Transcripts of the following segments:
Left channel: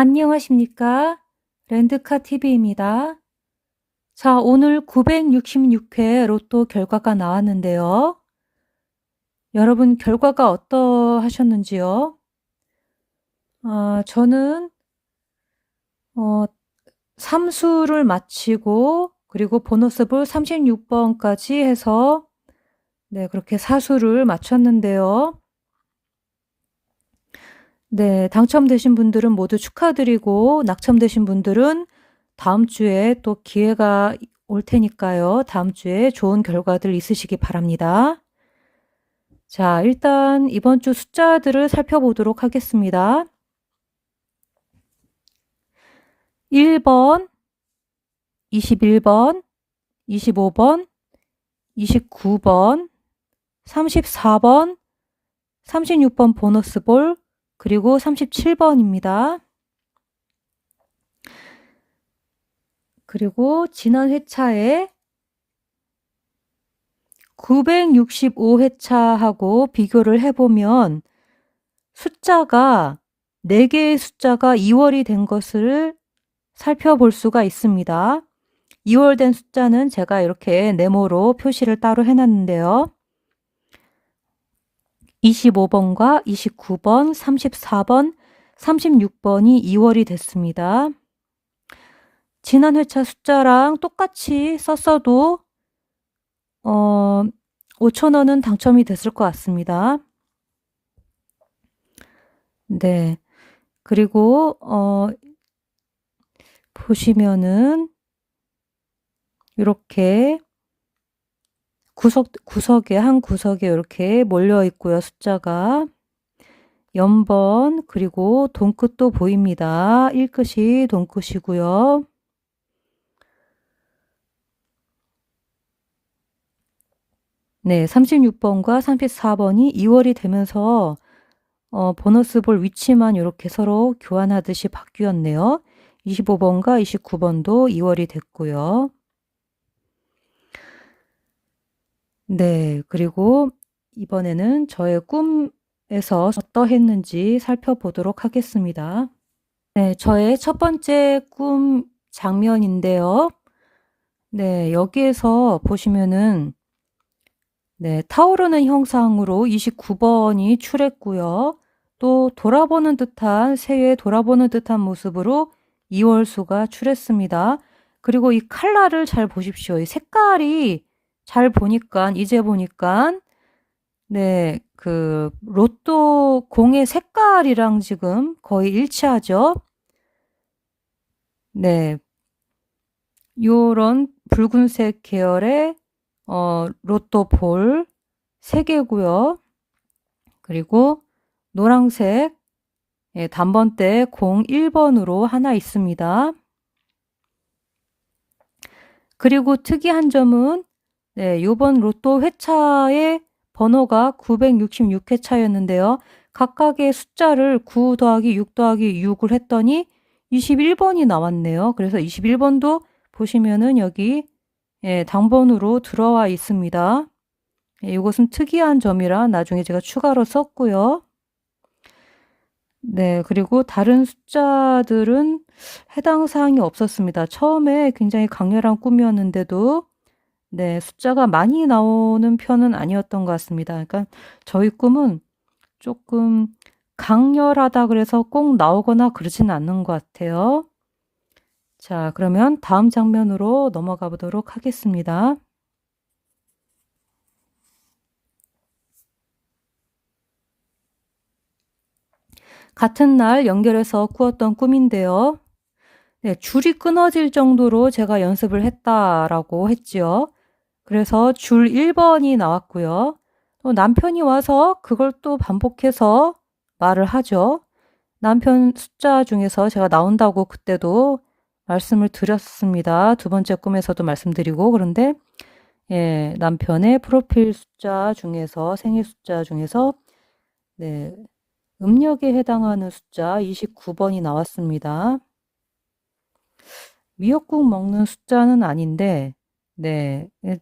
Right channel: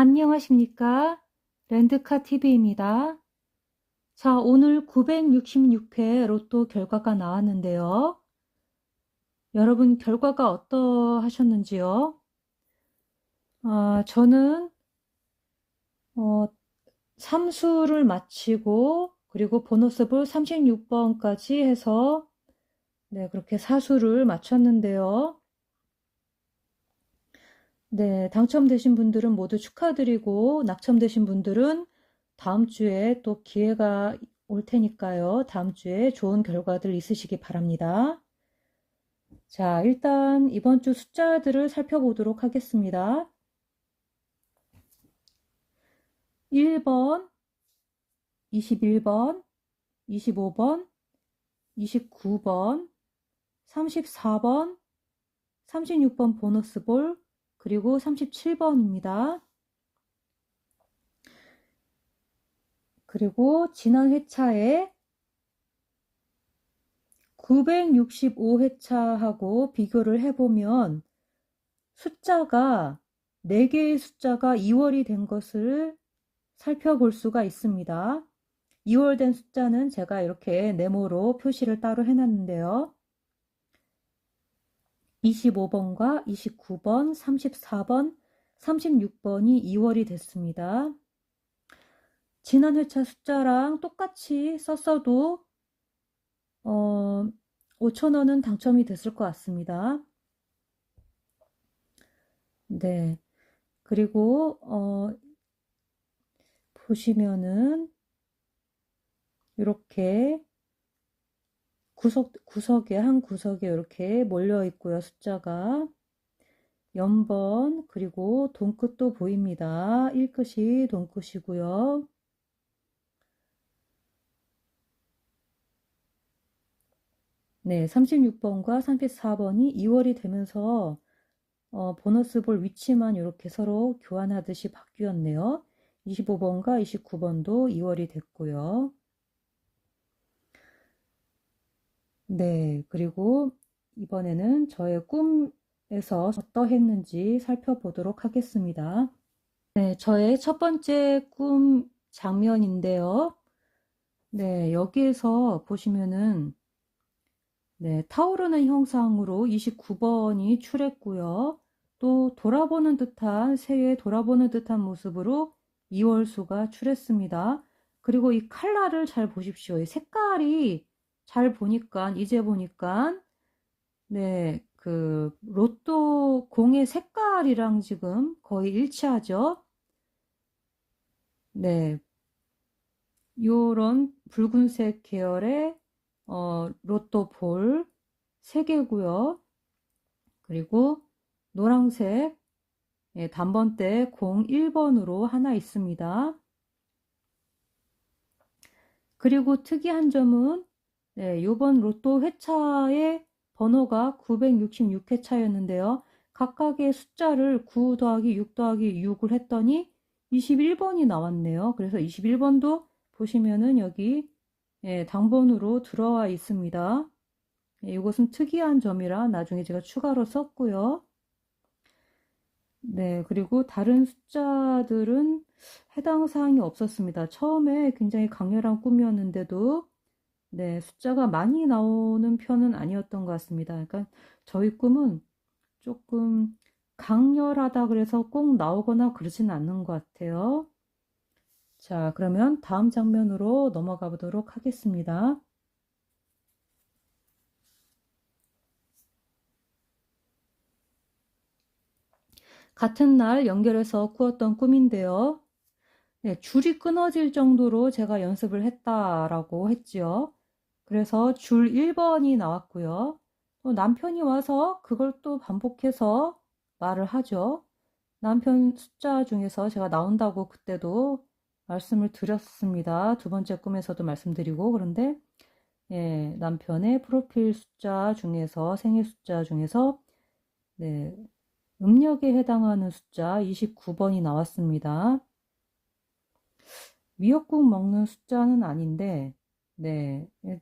안녕하십니까? 랜드카 TV입니다. 자, 오늘 966회 로또 결과가 나왔는데요. 여러분 결과가 어떠하셨는지요? 저는 3수를 마치고 그리고 보너스볼 36번까지 해서 그렇게 4수를 마쳤는데요. 당첨되신 분들은 모두 축하드리고 낙첨되신 분들은 다음 주에 또 기회가 올 테니까요. 다음 주에 좋은 결과들 있으시기 바랍니다. 자, 일단 이번 주 숫자들을 살펴보도록 하겠습니다. 1번, 21번, 25번, 29번, 34번, 36번 보너스볼, 그리고 37번입니다. 그리고 지난 회차에 965회차하고 비교를 해보면 숫자가 4개의 숫자가 2월이 된 것을 살펴볼 수가 있습니다. 2월 된 숫자는 제가 이렇게 네모로 표시를 따로 해놨는데요. 25번과 29번, 34번, 36번이 2월이 됐습니다. 지난 회차 숫자랑 똑같이 썼어도 5,000원은 당첨이 됐을 것 같습니다. 네. 그리고 보시면은 이렇게 구석에 한 구석에 이렇게 몰려 있고요. 숫자가 연번 그리고 돈끝도 보입니다. 1끝이 돈끝이고요. 네, 36번과 34번이 2월이 되면서 보너스볼 위치만 이렇게 서로 교환하듯이 바뀌었네요. 25번과 29번도 2월이 됐고요. 네, 그리고 이번에는 저의 꿈에서 어떠했는지 살펴보도록 하겠습니다. 네, 저의 첫 번째 꿈 장면인데요. 네, 여기에서 보시면은 타오르는 형상으로 29번이 출했고요. 또 돌아보는 듯한 새에 돌아보는 듯한 모습으로 2월수가 출했습니다. 그리고 이 컬러를 잘 보십시오. 이 색깔이 잘 보니까 이제 보니까 그 로또 공의 색깔이랑 지금 거의 일치하죠. 네, 요런 붉은색 계열의 로또 볼 3개고요. 그리고 노란색 단번대 01번으로 하나 있습니다. 그리고 특이한 점은 요번 로또 회차의 번호가 966회차였는데요. 각각의 숫자를 9 더하기 6 더하기 6을 했더니 21번이 나왔네요. 그래서 21번도 보시면은 여기 당번으로 들어와 있습니다. 이것은 특이한 점이라 나중에 제가 추가로 썼고요. 네, 그리고 다른 숫자들은 해당 사항이 없었습니다. 처음에 굉장히 강렬한 꿈이었는데도 숫자가 많이 나오는 편은 아니었던 것 같습니다. 그러니까 저희 꿈은 조금 강렬하다 그래서 꼭 나오거나 그러진 않는 것 같아요. 자, 그러면 다음 장면으로 넘어가 보도록 하겠습니다. 같은 날 연결해서 꾸었던 꿈인데요. 줄이 끊어질 정도로 제가 연습을 했다라고 했지요. 그래서 줄 1번이 나왔고요. 또 남편이 와서 그걸 또 반복해서 말을 하죠. 남편 숫자 중에서 제가 나온다고 그때도 말씀을 드렸습니다. 두 번째 꿈에서도 말씀드리고 그런데 남편의 프로필 숫자 중에서 생일 숫자 중에서 음력에 해당하는 숫자 29번이 나왔습니다. 미역국 먹는 숫자는 아닌데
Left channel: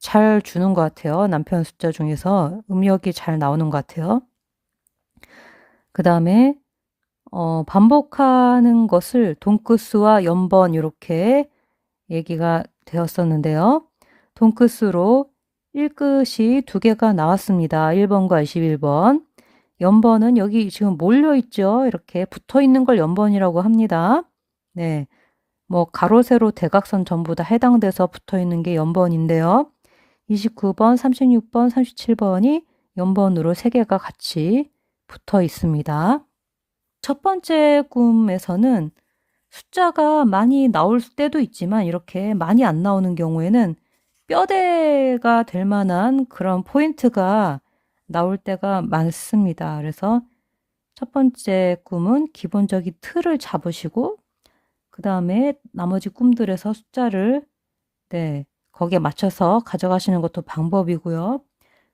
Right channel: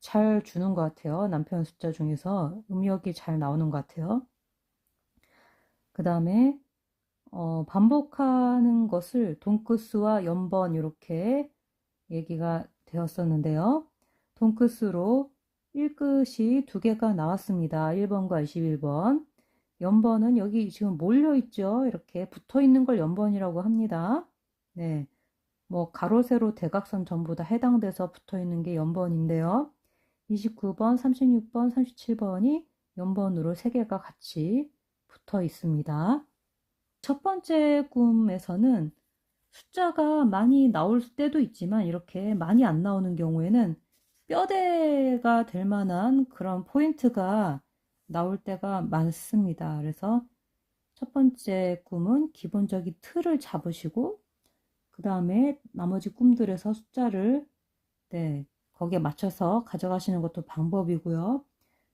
잘 주는 것 같아요. 남편 숫자 중에서 음력이 잘 나오는 것 같아요. 그 다음에 반복하는 것을 돈끝수와 연번 이렇게 얘기가 되었었는데요. 돈끝수로 1끝이 두 개가 나왔습니다. 1번과 21번. 연번은 여기 지금 몰려 있죠. 이렇게 붙어 있는 걸 연번이라고 합니다. 네. 뭐 가로, 세로, 대각선 전부 다 해당돼서 붙어 있는 게 연번인데요. 29번, 36번, 37번이 연번으로 세 개가 같이 붙어 있습니다. 첫 번째 꿈에서는 숫자가 많이 나올 때도 있지만 이렇게 많이 안 나오는 경우에는 뼈대가 될 만한 그런 포인트가 나올 때가 많습니다. 그래서 첫 번째 꿈은 기본적인 틀을 잡으시고 그 다음에 나머지 꿈들에서 숫자를 거기에 맞춰서 가져가시는 것도 방법이고요.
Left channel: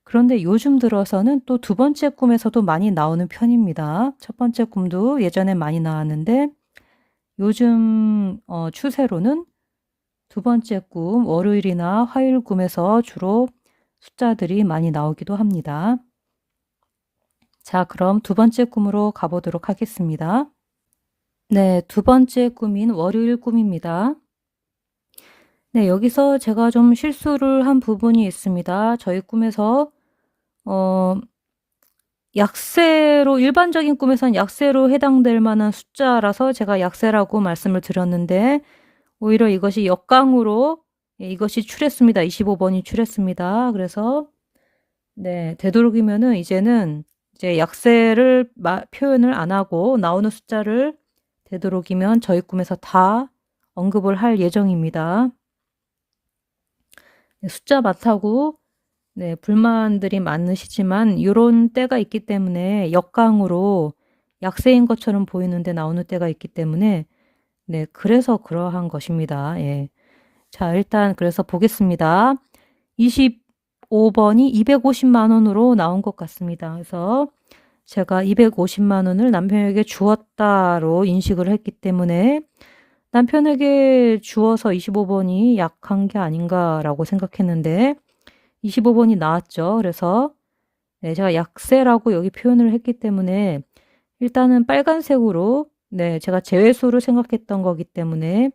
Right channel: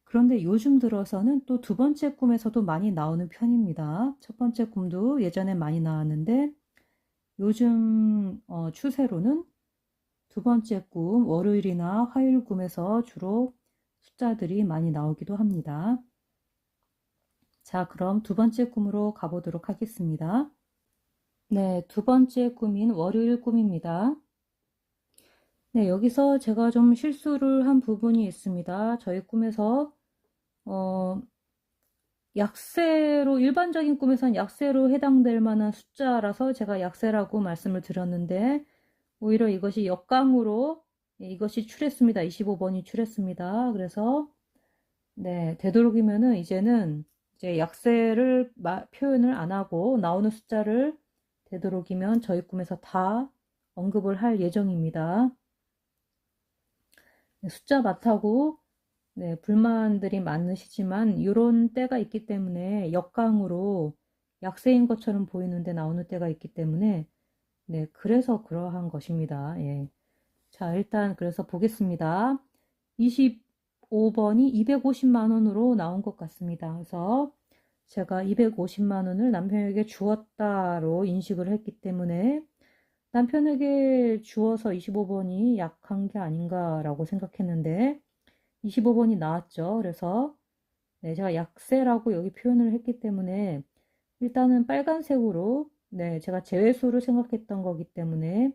그런데 요즘 들어서는 또 두 번째 꿈에서도 많이 나오는 편입니다. 첫 번째 꿈도 예전에 많이 나왔는데 요즘 추세로는 두 번째 꿈, 월요일이나 화요일 꿈에서 주로 숫자들이 많이 나오기도 합니다. 자, 그럼 두 번째 꿈으로 가보도록 하겠습니다. 네, 두 번째 꿈인 월요일 꿈입니다. 네, 여기서 제가 좀 실수를 한 부분이 있습니다. 저희 꿈에서 약세로, 일반적인 꿈에서는 약세로 해당될 만한 숫자라서 제가 약세라고 말씀을 드렸는데 오히려 이것이 역강으로 이것이 출했습니다. 25번이 출했습니다. 그래서 되도록이면은 이제는 이제 약세를 표현을 안 하고 나오는 숫자를 되도록이면 저희 꿈에서 다 언급을 할 예정입니다. 숫자 많다고 불만들이 많으시지만 이런 때가 있기 때문에 역강으로 약세인 것처럼 보이는데 나오는 때가 있기 때문에 그래서 그러한 것입니다. 예. 자, 일단 그래서 보겠습니다. 25번이 250만 원으로 나온 것 같습니다. 그래서 제가 250만 원을 남편에게 주었다로 인식을 했기 때문에 남편에게 주어서 25번이 약한 게 아닌가라고 생각했는데 25번이 나왔죠. 그래서 제가 약세라고 여기 표현을 했기 때문에 일단은 빨간색으로 제가 제외수로 생각했던 거기 때문에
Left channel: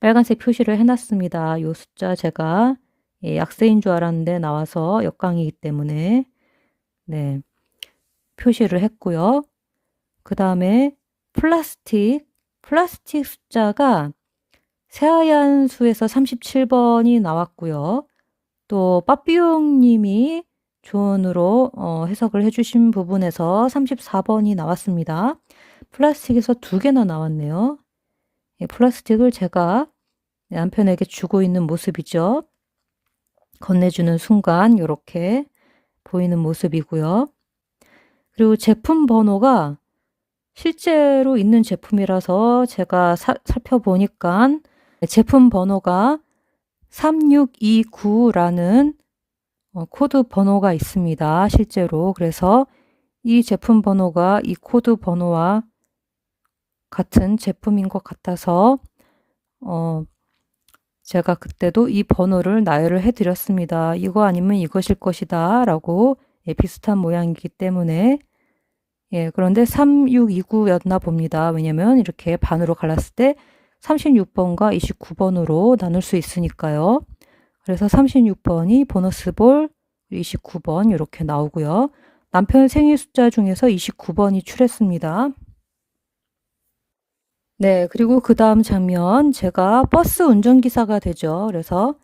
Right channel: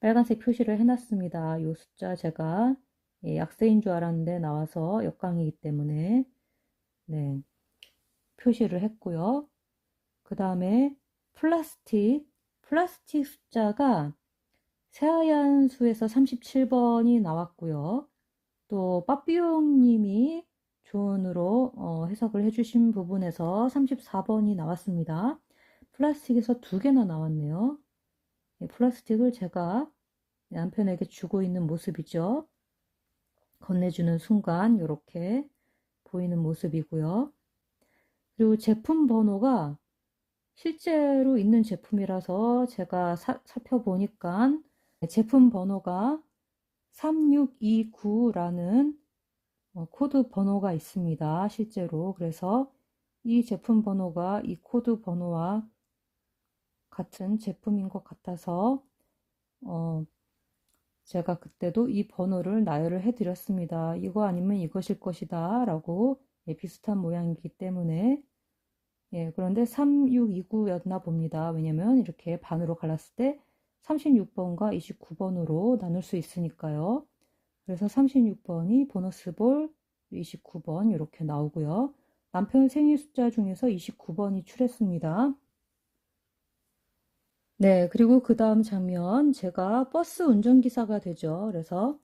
빨간색 표시를 해놨습니다. 이 숫자 제가 약세인 줄 알았는데 나와서 역강이기 때문에 표시를 했고요. 그 다음에 플라스틱 숫자가 새하얀 수에서 37번이 나왔고요. 또 빠삐용님이 조언으로 해석을 해주신 부분에서 34번이 나왔습니다. 플라스틱에서 두 개나 나왔네요. 플라스틱을 제가 남편에게 주고 있는 모습이죠. 건네주는 순간 이렇게 보이는 모습이고요. 그리고 제품 번호가 실제로 있는 제품이라서 제가 살펴보니까 제품 번호가 3629라는 코드 번호가 있습니다. 실제로. 그래서 이 제품 번호가 이 코드 번호와 같은 제품인 것 같아서 제가 그때도 이 번호를 나열을 해드렸습니다. 이거 아니면 이것일 것이다 라고 비슷한 모양이기 때문에 그런데 3629였나 봅니다. 왜냐면 이렇게 반으로 갈랐을 때 36번과 29번으로 나눌 수 있으니까요. 그래서 36번이 보너스볼 29번 이렇게 나오고요. 남편 생일 숫자 중에서 29번이 출했습니다. 그리고 그 다음 장면 제가 버스 운전기사가 되죠. 그래서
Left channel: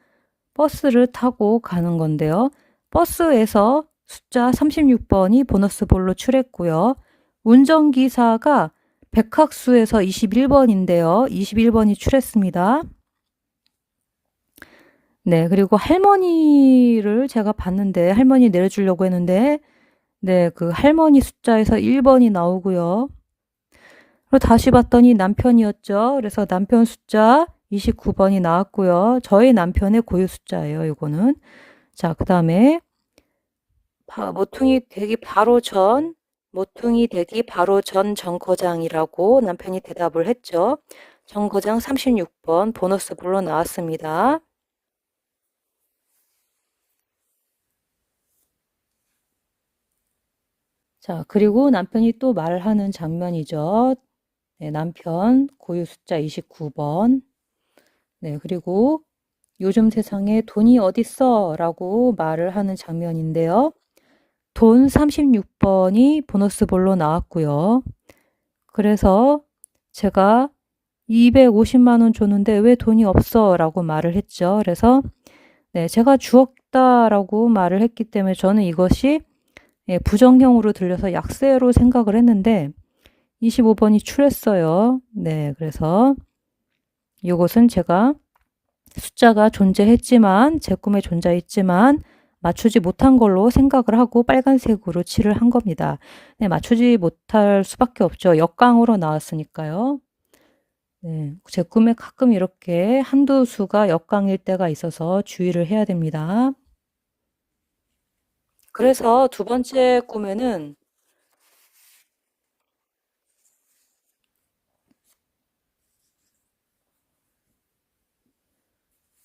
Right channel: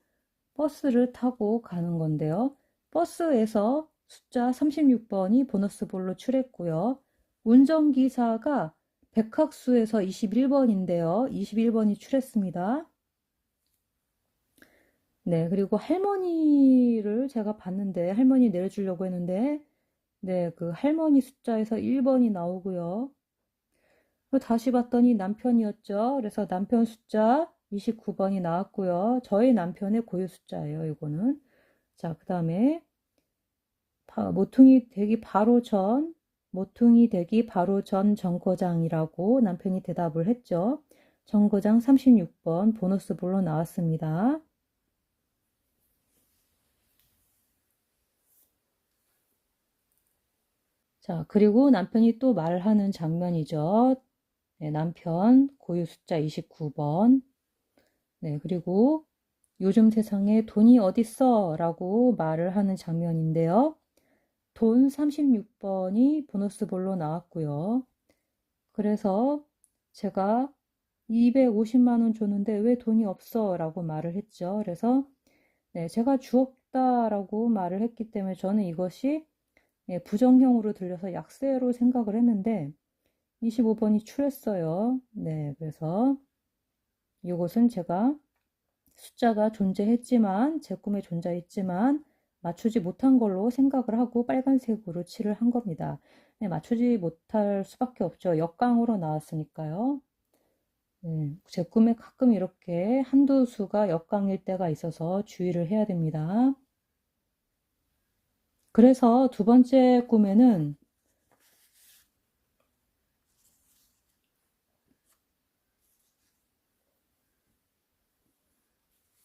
버스를 타고 가는 건데요. 버스에서 숫자 36번이 보너스볼로 출했고요. 운전기사가 백학수에서 21번인데요. 21번이 출했습니다. 그리고 할머니를 제가 봤는데 할머니 내려주려고 했는데 그 할머니 숫자에서 1번이 나오고요. 그리고 다시 봤더니 남편이었죠. 그래서 남편 숫자 29번이 나왔고요. 저희 남편의 고유 숫자예요. 이거는. 자, 그 다음에 모퉁이 되기 바로 전 정거장이라고 남편이 대답을 했죠. 정거장 36번 보너스볼로 나왔습니다. 자, 그리고 남편이 또 말하는 장면이죠. 네, 남편 고유 숫자 29번. 네, 그리고 요즘 세상에 돈이 어딨어? 라고 말을 하는 장면인데요. 돈 36번이 보너스볼로 나왔고요. 그래서 제가 250만 원 줬는데 왜 돈이 없어? 라고 말을 했죠. 그래서 네, 제가 주었다라고 말을 했기 때문에 저는 이것이 부정형으로 들려서 약세로 생각을 했는데 25번이 출했어요. 네, 그래서 이것은 제가 숫자가 존재했지만 제 꿈에 존재했지만 맞추지 못한 걸로 생각을 하고 빨간색으로 칠을 한 겁니다. 네, 맞추지 못할 수밖에 없죠. 역강으로 나왔으니까요. 네, 제 꿈에 가끔 이렇게 한두 수가 역강일 때가 있어서 주의를 해야 됩니다. 그래서 두 번째 꿈에는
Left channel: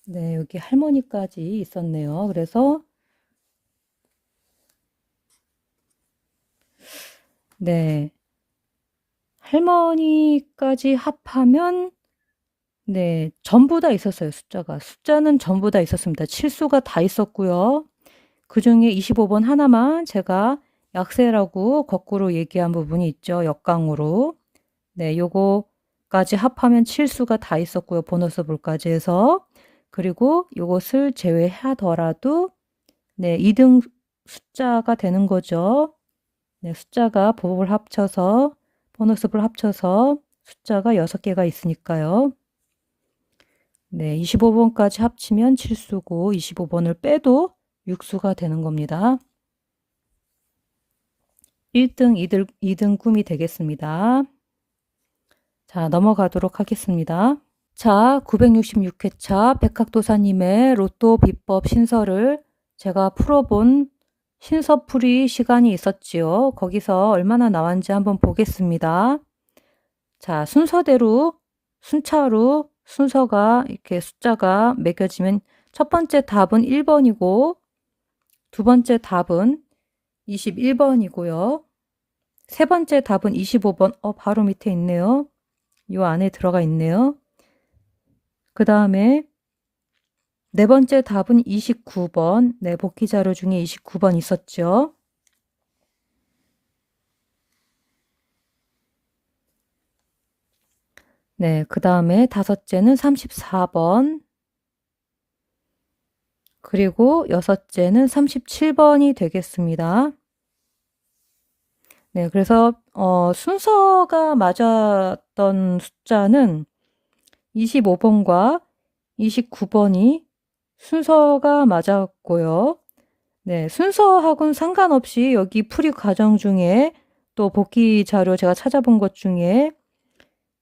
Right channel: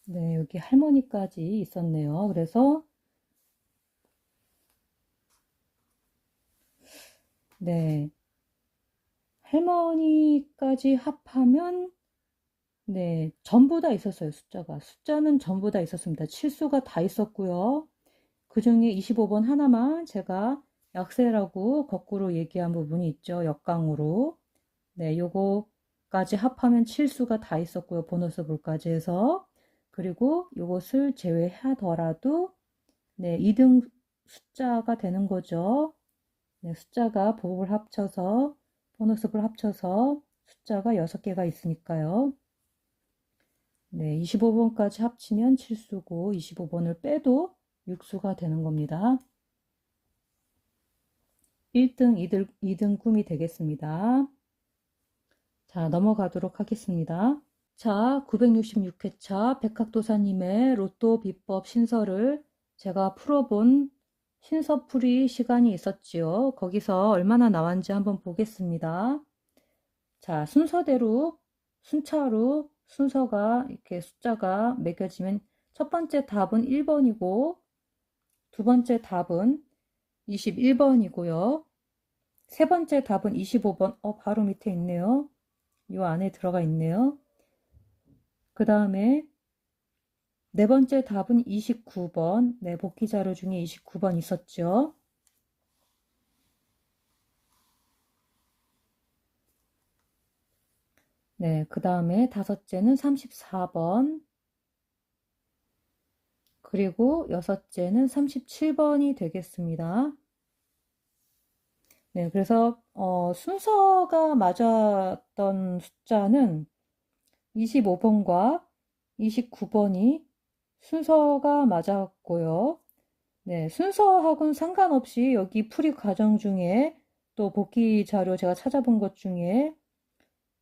네, 여기 할머니까지 있었네요. 그래서 네, 할머니까지 합하면 네, 전부 다 있었어요, 숫자가. 숫자는 전부 다 있었습니다. 칠수가 다 있었고요. 그중에 25번 하나만 제가 약세라고 거꾸로 얘기한 부분이 있죠. 역강으로. 네, 요거까지 합하면 칠수가 다 있었고요. 보너스 볼까지 해서. 그리고 요것을 제외하더라도 네, 2등 숫자가 되는 거죠. 네, 숫자가 보복을 합쳐서 보너스를 합쳐서 숫자가 6개가 있으니까요. 네, 25번까지 합치면 칠수고 25번을 빼도 육수가 되는 겁니다. 1등, 2등 꿈이 되겠습니다. 자, 넘어가도록 하겠습니다. 자, 966회차 백학도사님의 로또 비법 신설을 제가 풀어본 신서풀이 시간이 있었지요. 거기서 얼마나 나왔는지 한번 보겠습니다. 자, 순서대로, 순차로 순서가 이렇게 숫자가 매겨지면 첫 번째 답은 1번이고 두 번째 답은 21번이고요. 세 번째 답은 25번. 바로 밑에 있네요. 요 안에 들어가 있네요. 그 다음에 네 번째 답은 29번. 네, 복귀 자료 중에 29번 있었죠. 네, 그 다음에 다섯째는 34번. 그리고 여섯째는 37번이 되겠습니다. 네, 그래서 순서가 맞았던 숫자는 25번과 29번이 순서가 맞았고요. 네, 순서하고는 상관없이 여기 풀이 과정 중에 또 복귀 자료 제가 찾아본 것 중에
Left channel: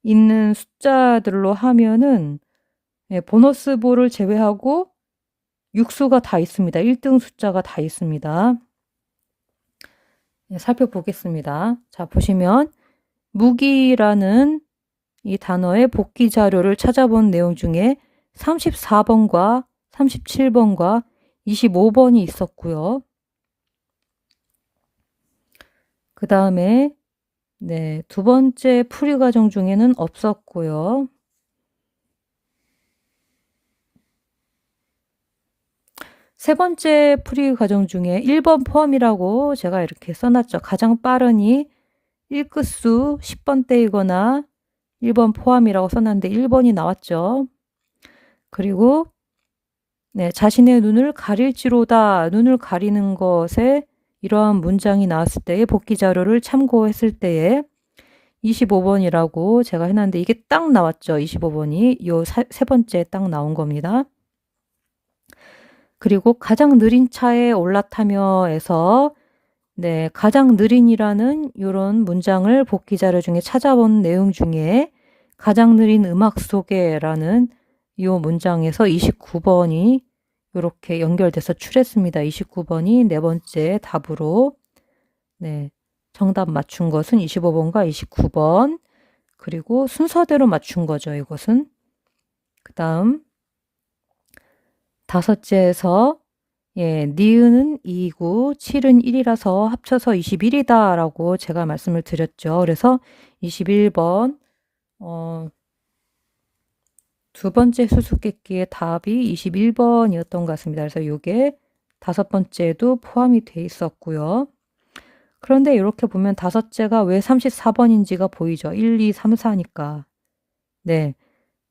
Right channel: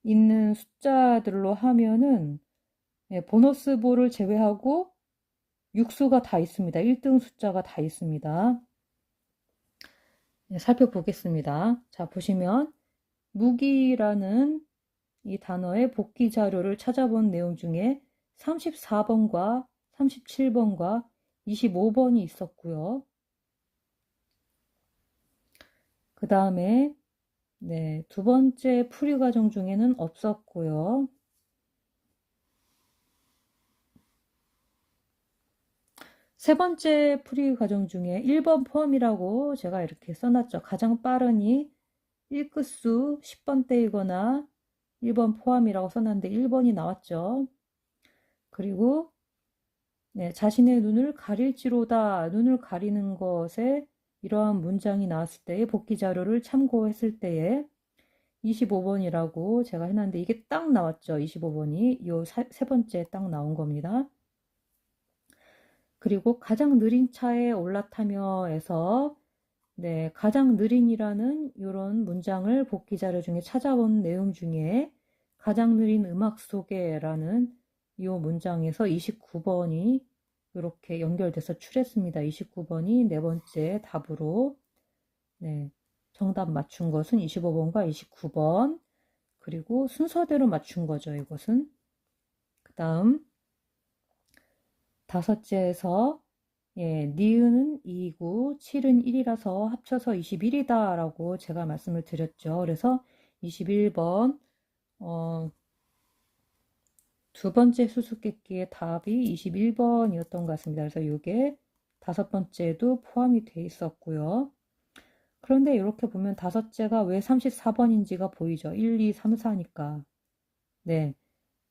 있는 숫자들로 하면은 네, 보너스 볼을 제외하고 육수가 다 있습니다. 1등 숫자가 다 있습니다. 네, 살펴보겠습니다. 자, 보시면 무기라는 이 단어의 복귀 자료를 찾아본 내용 중에 34번과 37번과 25번이 있었고요. 그 다음에 네, 두 번째 풀이 과정 중에는 없었고요. 세 번째 풀이 과정 중에 1번 포함이라고 제가 이렇게 써놨죠. 가장 빠르니 1끝수 10번대이거나 1번 포함이라고 써놨는데 1번이 나왔죠. 그리고 네, 자신의 눈을 가릴지로다. 눈을 가리는 것에 이러한 문장이 나왔을 때의 복귀 자료를 참고했을 때에 25번이라고 제가 해놨는데 이게 딱 나왔죠. 25번이 요 세 번째 딱 나온 겁니다. 그리고 가장 느린 차에 올라타며에서 네, 가장 느린이라는 이런 문장을 복귀 자료 중에 찾아본 내용 중에 가장 느린 음악 소개라는 이 문장에서 29번이 이렇게 연결돼서 출했습니다. 29번이 네 번째 답으로 네, 정답 맞춘 것은 25번과 29번 그리고 순서대로 맞춘 거죠. 이것은 그 다음 다섯째에서 예, 니은은 2이고 7은 1이라서 합쳐서 21이다 라고 제가 말씀을 드렸죠. 그래서 21번 두 번째 수수께끼의 답이 21번이었던 것 같습니다. 그래서 이게 다섯 번째도 포함이 돼 있었고요. 그런데 이렇게 보면 다섯째가 왜 34번인지가 보이죠. 1, 2, 3, 4니까. 네.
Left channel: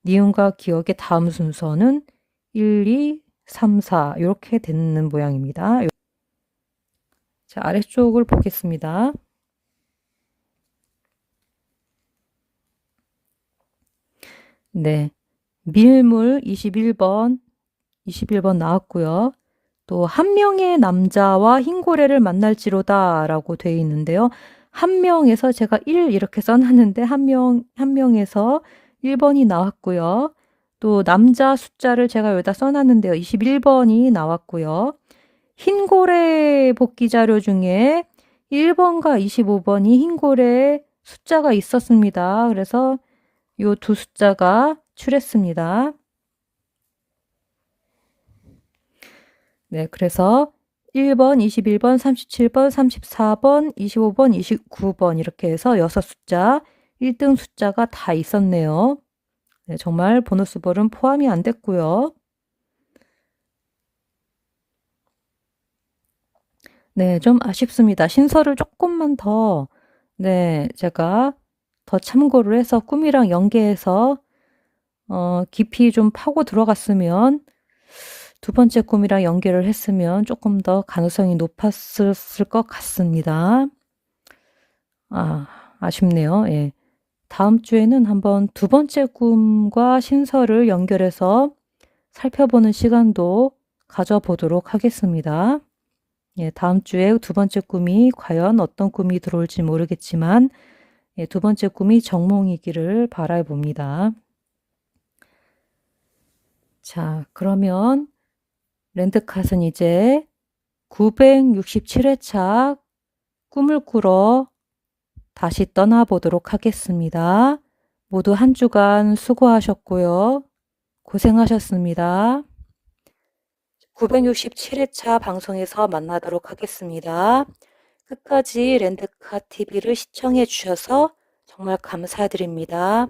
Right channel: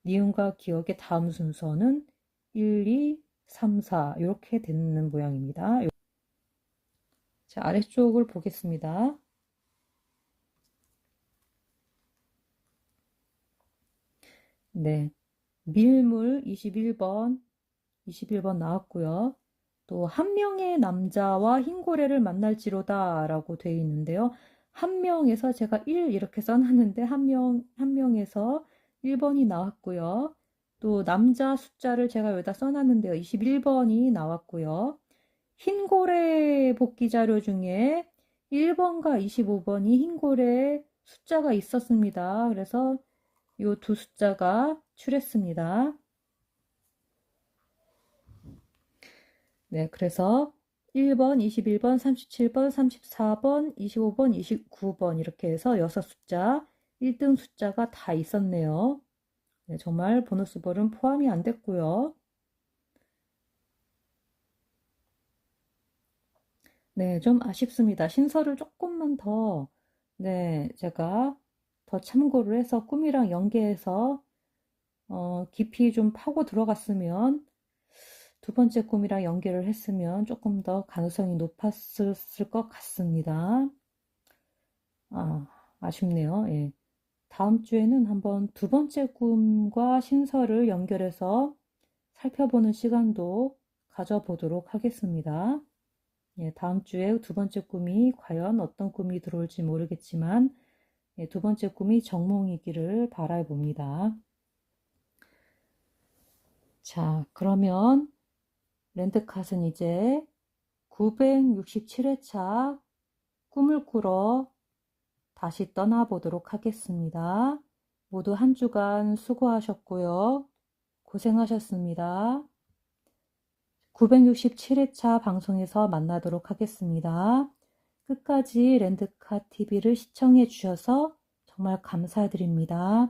니은과 기억의 다음 순서는 1, 2, 3, 4 이렇게 되는 모양입니다. 자, 아래쪽을 보겠습니다. 네. 밀물 21번 나왔고요. 또 한 명의 남자와 흰고래를 만날지로다 라고 되어 있는데요. 한 명에서 제가 1 이렇게 써놨는데 한 명에서 1번이 나왔고요. 또 남자 숫자를 제가 여기다 써놨는데요. 21번이 나왔고요. 흰고래 복귀 자료 중에 1번과 25번이 흰고래 숫자가 있었습니다. 그래서 요 두 숫자가 출했습니다. 네, 그래서 1번, 21번, 37번, 34번, 25번, 29번 이렇게 해서 6숫자, 1등 숫자가 다 있었네요. 네, 정말 보너스 볼은 포함이 안 됐고요. 네, 좀 아쉽습니다. 신설을 조금만 더, 네, 제가 더 참고를 해서 꿈이랑 연계해서 깊이 좀 파고 들어갔으면 두 번째 꿈이랑 연계를 했으면 조금 더 가능성이 높았을 것 같습니다. 아쉽네요. 예. 다음 주에는 한번 두 번째 꿈과 신설을 연결해서 살펴보는 시간도 가져보도록 하겠습니다. 예, 다음 주에 두 번째 꿈이 과연 어떤 꿈이 들어올지 모르겠지만 예, 두 번째 꿈이 정몽이기를 바라봅니다. 자, 그러면 랜드캇은 이제 967회차 꿈을 꾸러 다시 떠나보도록 하겠습니다. 모두 한 주간 수고하셨고요. 고생하셨습니다. 967회차 방송에서 만나도록 하겠습니다. 끝까지 랜드캇 TV를 시청해 주셔서 정말 감사드립니다.